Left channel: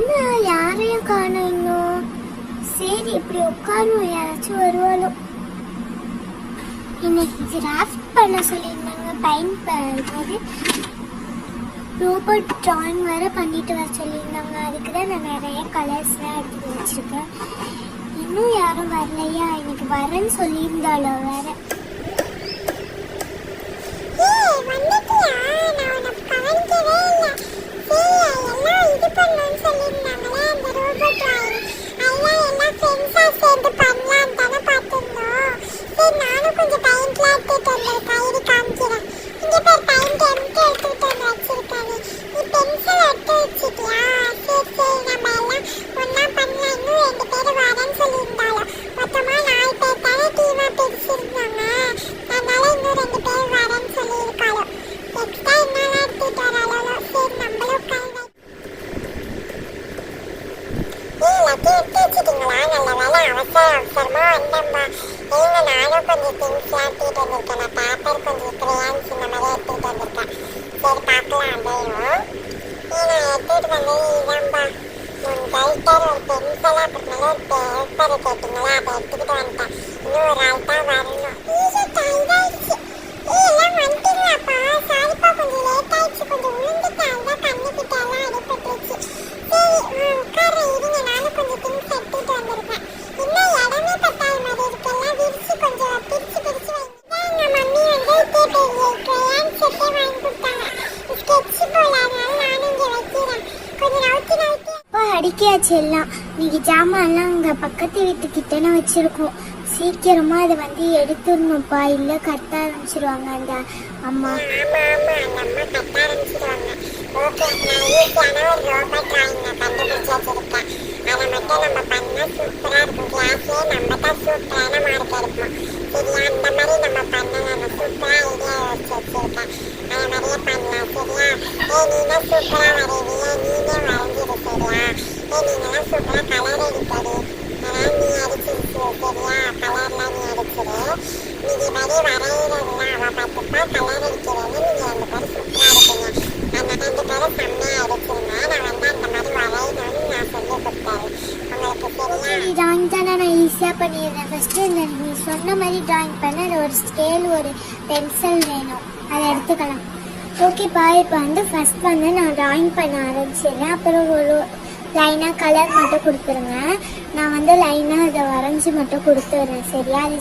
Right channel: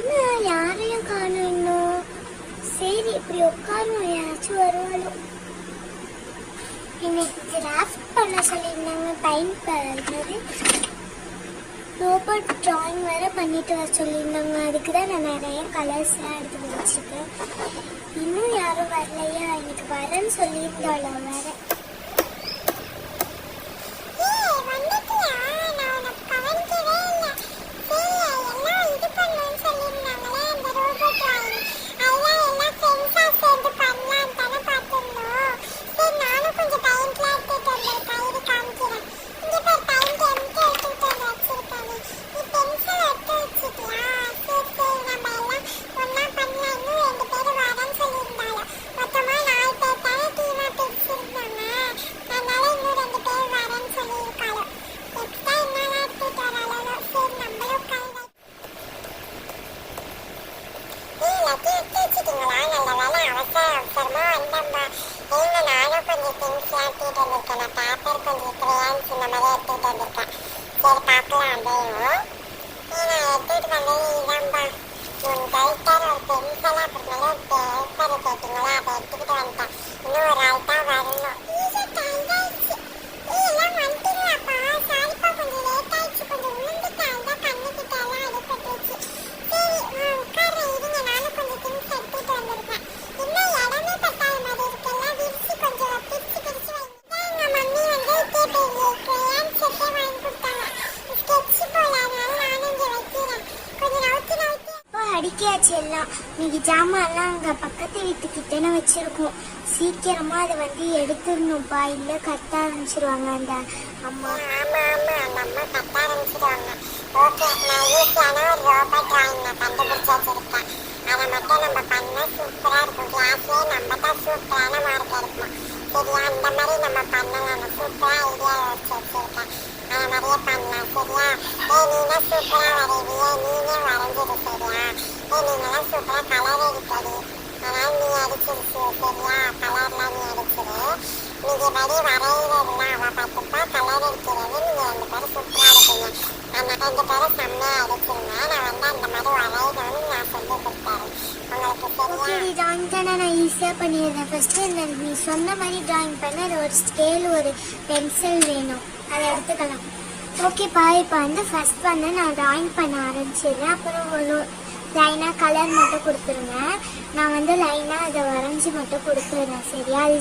என்ன யாரையும் காணோம் இன்னும். சரி இப்படி உட்காரும், யாராச்சும் வருவாலும். இன்னைக்கு கிராஃப்ட் பண்ண சொல்லியிருந்தாங்க. பெயிண்ட் ரோபோட் ட்ராயிங் வேறு பண்ணிட்டு வர சொல்லியிருந்தாங்க. அதுக்கு தான் நான் நிறைய கலர்ஸ்லாம் எடுத்து வச்சுருக்கேன். இன்னும் யாரும் வரலையா? எனக்கு வரேன்னு சொல்லியிருந்தாளோ வேறு. அடிக்காச்சு எல்லாம். இன்னைக்கு ஜாமான்லாம் அங்கே பக்கத்து வீட்டுக்கிட்டே வச்சிருக்கோம். சீக்கிரமா அதை வந்து எடுத்துடணும்ப்பா, இல்லை கத்த ஆரம்பிச்சிருவாங்க அந்த அம்மா. ஆமா ஆமா, அந்த அம்மா கத்த ஆரம்பிச்சிருவாங்க. ஓகே, நான் ஈஸியான ஒரு ரோபோட் டிராயிங் கண்டுபிடிச்சு வச்சிருக்கேன். அதை மட்டும் நம்ம பண்ணா சூப்பரா இருக்கும். கிளாஸ்லயே நம்ம தான் சூப்பரான மார்க் எடுப்போம். சரியா? அந்த மாதிரி நம்ம பண்ணலாம். நான் சூப்பரா ஐடியா வச்சு வச்சிருக்கேன். அதை மாதிரியே பண்ணலாம். சரியா? நீனா சூப்பரா வரைவியா, நீனே வரைஞ்சிடு. சரியா? நீங்களாம் சூப்பரா கலர் அடிப்படி. அதனால நீ அடிச்சிருச்சு. சரியா? கலர்லாம் நீ அடிச்சிடு. நீங்க படி வரைகிறதுலாம் அவ பார்த்துப்பா, கலர் அடிக்கிறது நீங்க 2 பேரும் சூப்பரா இருக்கீங்க. அந்த 2 பேரும் செம்மையா அடிச்சிருங்க. நான் வந்து அந்த மாதிரி வரையணும்னு நான் சொல்லி கொடுத்தாரு உங்களுக்கு. சரியா? டிராயிங் தானே நான் ஈஸியாக பண்ணிடுறேன். ஃபஸ்ட்டு இந்த நீ சொன்ன மாதிரி டிராயிங் பண்ண ஒரு ஸ்கேல் ஒரு பென்சில் வேணும், அதை எடுத்துக்கலாம். ஓகேப்பா, இப்போ வந்து ஃபஸ்ட் வந்து நான் டிராயிங் பண்ண ஆரம்பிச்சிடுறேன். அப்புறம் ஒரு லைனாக கலர் மட்டும் கொடுத்துருங்க. நான் வந்து லைனாக அதை வரைஞ்சி மட்டும் கொடுத்துட்றேன். சரியா? அது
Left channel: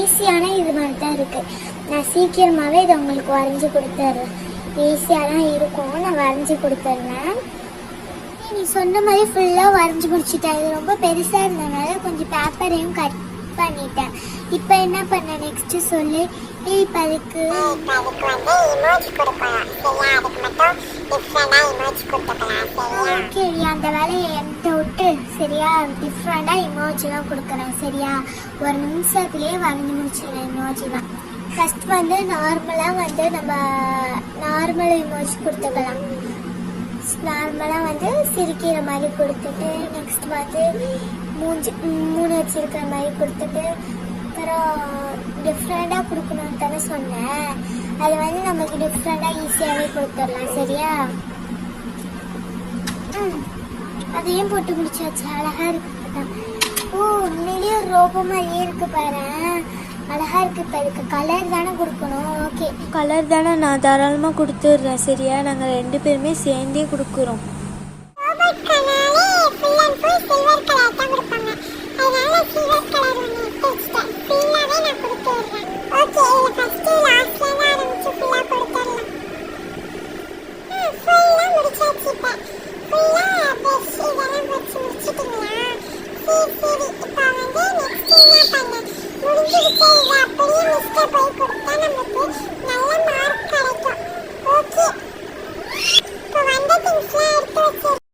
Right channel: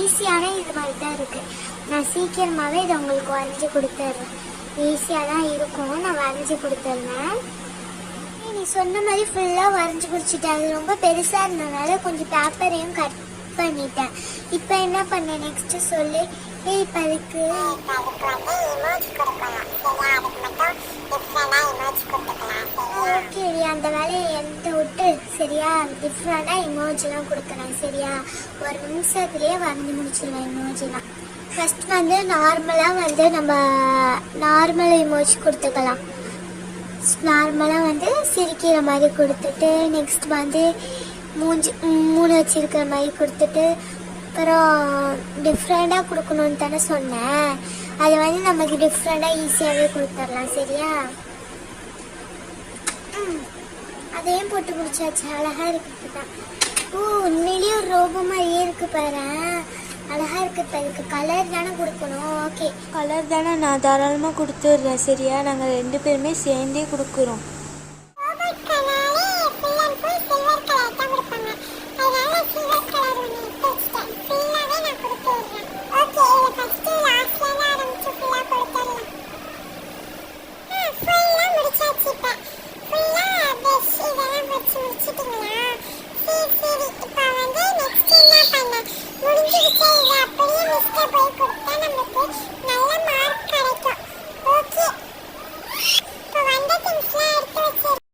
ஈஸியான இது மாதிரி தான் இருக்குது. நான் சீக்கிரமாகவே இதை உங்களுக்கு வரைஞ்சி கொடுத்துட்றேன். ஈஸியாக தான் இருக்கும். நான் வரைஞ்சி கொடுத்துட்றேன். நீ சொன்ன மாதிரி ஃபுல்லாக வரைஞ்சி முடிச்சுட்டேன். அது ரொம்ப பெருசாக இருந்ததுனால கொஞ்சம் பேப்பரையும் கட் பண்ணிட்டேன். இப்போ என்ன பண்ண நெக்ஸ்ட்டு சொல்லு. இப்போ அதுக்கு வந்து இமோஜி கொடுக்கலாம். சரியா? அதுக்கு மட்டும் டிஃப்ரெண்டாக இமோஜி கொடுத்துக்கலாம். சரியா? ஓகே, அந்த வேலையை என்கிட்ட விட்டு. சரியா? டிஃப்ரெண்டாக இமோஜிலாம் கொடுக்குறேன். சரியா? ஒரு நிமிஷத்துலேயே வரைஞ்சி முடிச்சிடுவேன் இமோஜிலாம். ஃபஸ்ட் வந்து நார்மலாக வந்து நம்ம நார்மல் இமோஜி கொடுத்துக்கலாம். நார்மலாக வந்து சிரிக்கிற மாதிரி கொடுத்துட்டு, நெக்ஸ்ட் வந்து மூணு வச்சிருக்கிற மாதிரி கொடுத்துட்டு, அப்புறம் டிஃப்ரெண்டாக கொடுக்கணுன்னு தானே சொன்னேன். அது வந்து நமக்கு டிஃப்ரெண்டாக ஈஸியாகவே கொடுத்துடலாம். சரியா? அதையும் போட்டு முடிச்சாச்சு. அழகாக இருக்கு தான். ஓ, உண்மையிலேயே ஒரு ரோபோ மாதிரியே இருக்கு பாரு. அழகாக இருக்கு. இப்போ இதுக்கு கலர் தானே கொடுக்கணும். ஓகே, கலர் தானே நான் தாராளமாக கொடுத்துட்றேன். சரியா? நாங்கள் 2 பேருமே சேர்ந்தே கொடுக்குறோம். சில்வர் கலர் தான் கொடுப்பாங்க. அதனால சில்வர் கலர் ஒன்று எடுத்து வச்சுட்டேன்.